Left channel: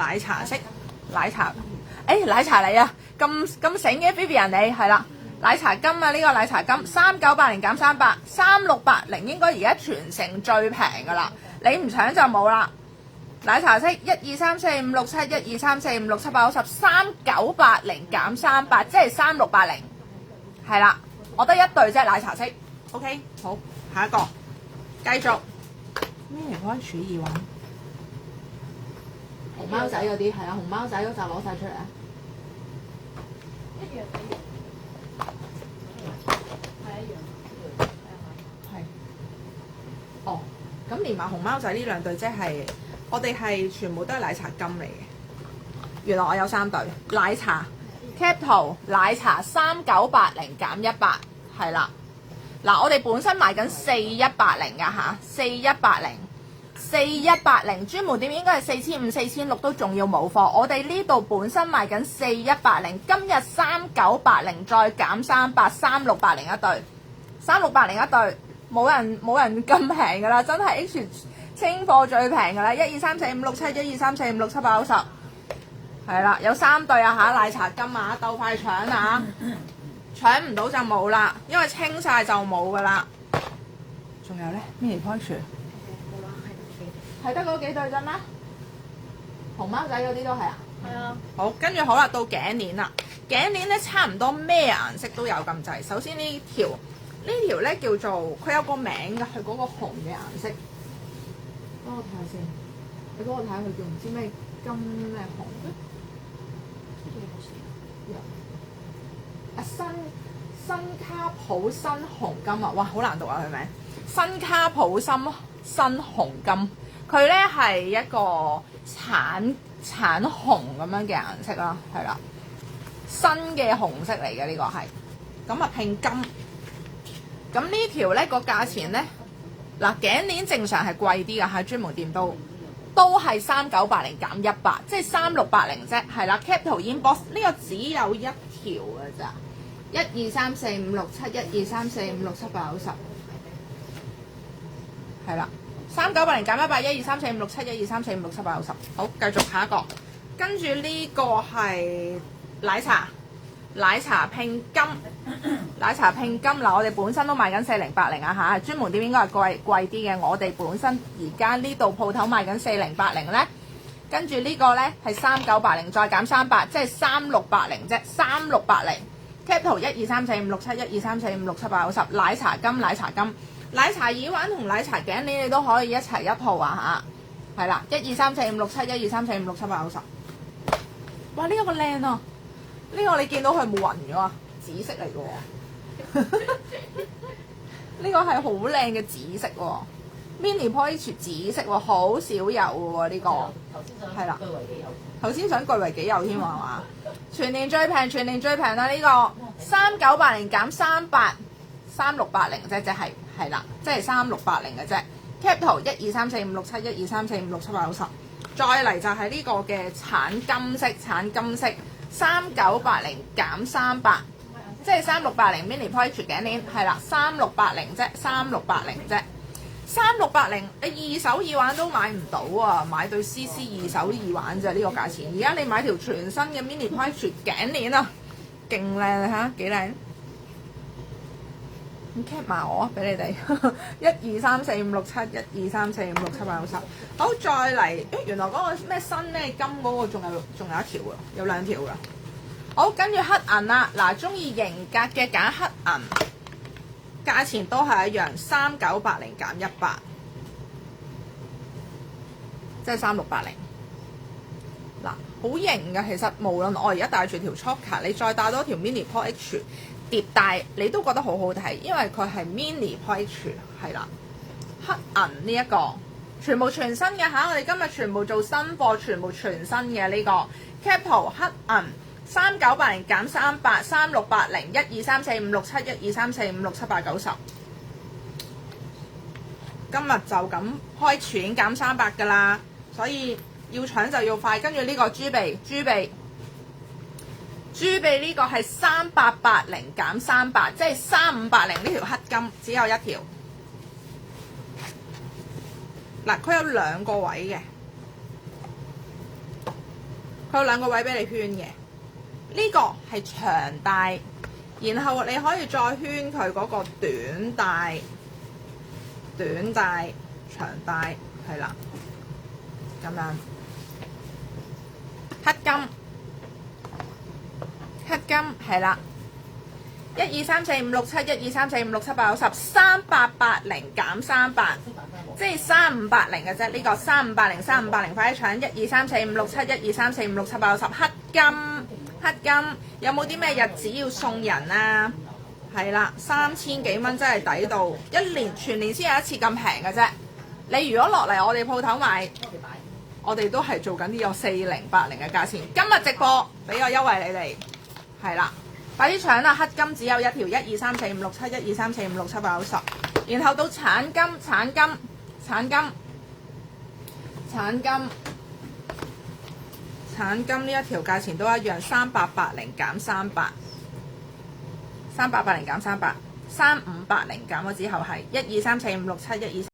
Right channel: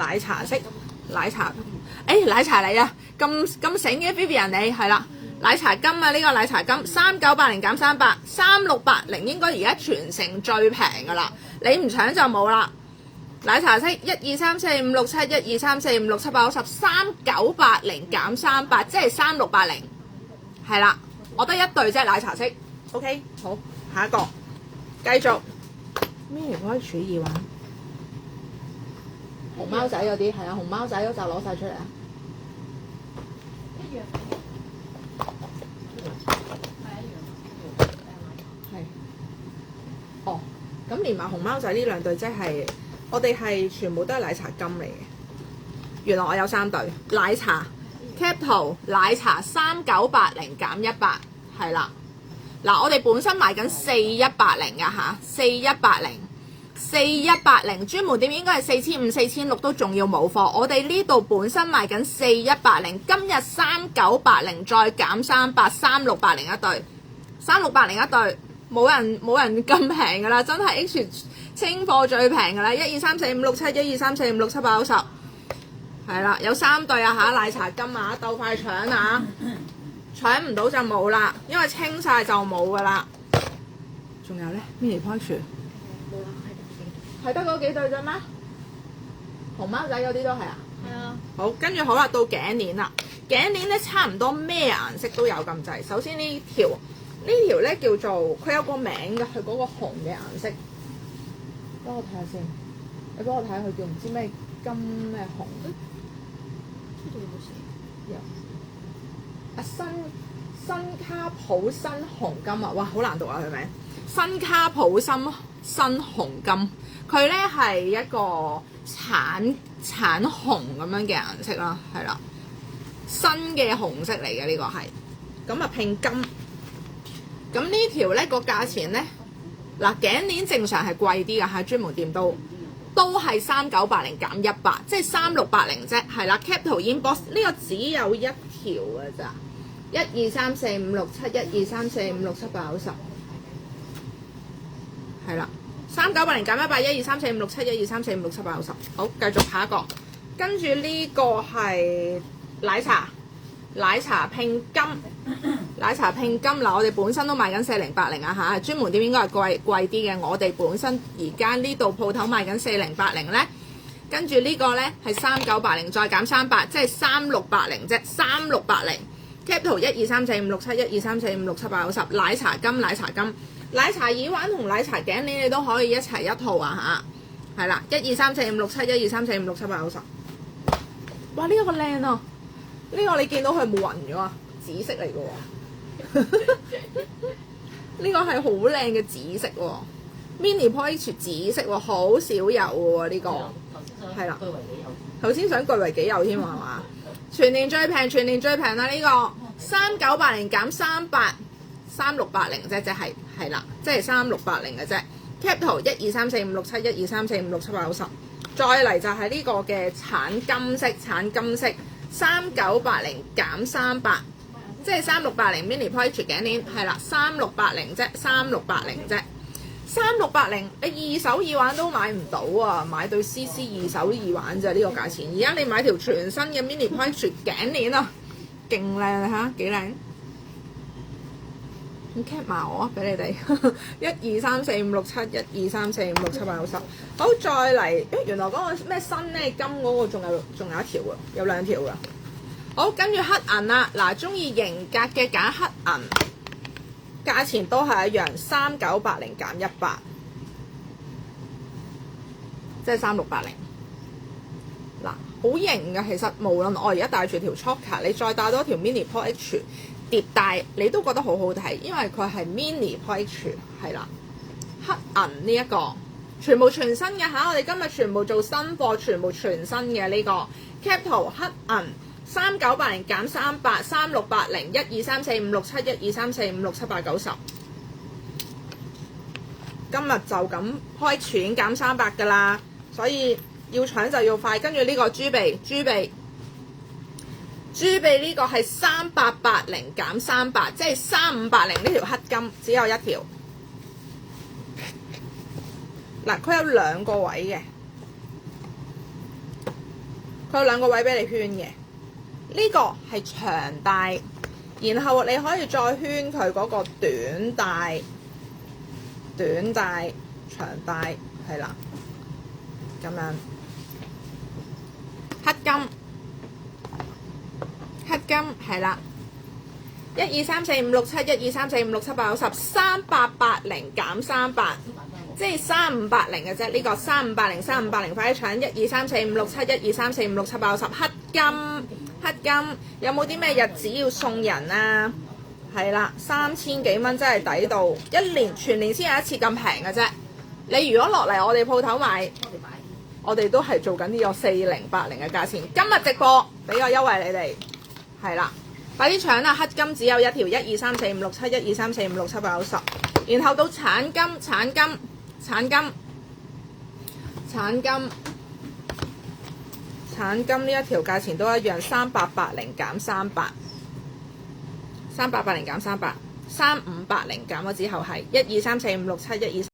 奶茶色，奶茶，奶茶嚟啊！咁醒嘅 Vivian 你係啦，奶茶金啊，呢個奶茶金3980減300 3680，應該而家全城最平噶啦，你唔搶就冇啦。奶茶色1、2、3、4、5、6、7 1、2、3、4、5、6、7、8、90 3980減300，即係3680，係啦，我得一對啫奶茶色。OK， 好，下一個繼續 mini 開始耳環。熊貓仔嗰啲係啊，熊貓仔嗰就攞晒出嚟啊！一樣係。哦，咁連埋熊貓仔呢兩對，即係我哋係全部都係奶茶金嚟嘅。原來我有3對奶茶 cap 圖奶茶3980減100，係啦。嗱，我哋本身賣緊4180㗎嚇，4180專門店應該係4500、4600都仲要冇貨。我哋呢度本身賣緊4180，今日3980再減300 3680一對，3680一對，冇人咁平㗎啦，真係 H 清貨最平㗎啦，1、2、3、4、5、6、7 1、2、3、4、5、6、7、8、90，係啦，有3對啊嚇，奶茶金啊，鬥快搶啊！搶唔到就冇啦，因為清晒就冇噶啦。仲有咧 mini poach 冇啦，係得嗰幾對啫咩？熊貓仔嗰啲都係啊。係啊。好，跟住好啦，到頸鏈啦。頸鏈咧差唔多咩顏色都有咁滯。首先呢條咧叫做佢有個名㗎，佢嗰個紅嘅顏色。幫我睇下先，你幫我睇下佢叫唔知咩金咩紅。新卡普新紅金啊！哇，好難讀啊佢名。新卡普新紅金，佢咧係一個橙紅咁樣嘅顏色啦，係啦，新嘅紅色嚟嘅呢個係。咁啊拼金，咁呢條咧個價錢咧，嗱頸鏈正常係貴啲㗎，喺專門店都係3980減100，即係3680啫，係啦。Cap 圖 inbox 呢個只有一條㗎咋。1、2、3、4、5、6、7 1、2、3、4、5、6、7、8、90，係啦，3980減100 1、2、3、4、5、6、7 1、2、3、4、5、6、7、8、90。好，繼續下一個，跟住呢個係奶茶拼金，奶茶拼金嗱，我哋本身都賣緊4080啊嚇，專門店應該係貴啲嘅。我哋本身而家呢度鋪頭賣緊4080咧，跟住呢個咧係3980再減300，即係3680啫，3680。Cap 圖1、2、3、4、5、6、7 1、2、3、4、5、6、7、8、90，奶茶金，奶茶耳環同奶茶頸鏈你都可以一齊一套啊嚇，係啦，1、2、3、4、5、6、7 1、2、3、4、5、6、7、8、90。哇！呢個靚啊，呢個你見到佢冇暈嘅嘛，紫色嚟嘅喎，呢個係好靚嘅紫色喎，mini poach 紫色喎，好少有嘅喎呢個，係啦，頭先想據為己有添喎係嘛？全年最平啦！呢個3980減300 3680啫，即係啦，即係3680嘅啫。Cap 圖1、2、3、4、5、6、7 1、2、3、4、5、6、7、8、90。再嚟就係呢個嘅橙金色3980減300，即係3680 mini poach 頸鏈係啦，3680啫，3680啫。3680你二手耳環都買唔到啊！買對 CC 二手耳環咋呢個價錢？而家你買條全新嘅 mini poach 頸鏈啊，勁靚啊嚇，幾靚！咁 cap 埋我啊，俾你哋1、2、3、4、5、6、7 1、2、3、4、5、6、7、8、90。好，再嚟，原來嗰個咩新咧金嗰個仲有一條㗎，有2條㗎。好，跟住黑銀啦，嗱，中意型格嘅揀黑銀。價錢都係一樣，3980減100，即係3680。嗱，好型㗎，其實無論我而家戴住條 choker， 你再戴多條 mini poach 疊戴，你都覺得好好睇，因為佢係 mini poach 係啦。黑銀呢一個全部全新嘅嚇，我哋今日全部做新貨，全部全新嘅呢個 cap 圖黑銀。3980減300 3680 1、2、3、4、5、6、7 1、2、3、4、5、6、7、8、90。今日就咁開錢減300㗎啦，所以要搶就要快。跟住呢個豬鼻呢個係3880減300，即係3580呢條黑金只有一條。嗱，佢有2個位嘅。佢有兩個位俾你圈嘅。呢個係長帶，然後你可以再圈佢嗰個短帶、長帶係啦，咁樣黑金係啦。1、2、3、4、5、6、7，1、2、3、4、5、6、7、8、9、10，3880減38，即係3580嘅啫。呢個3580，快啲搶！1、2、3、4、5、6、7，1、2、3、4、5、6、7、8、9、10，黑金有冇啲咩日子要送人啊？係啦，3000幾蚊真係抵到，全年先有一次咁平嘅啫。你如果落嚟我哋鋪頭買，我哋都係做緊呢個4080嘅價錢。今日直播俾個優惠你哋，係啦。快啲搶啦！黑金只有一條，1、2、3、4、5、6、7，1、2、3、4、5、6、7、8、9、10，然後到橙金呢一條價錢都一樣，3880減38，3580減咗之後係1、2、3、4、5、6、7，1、2。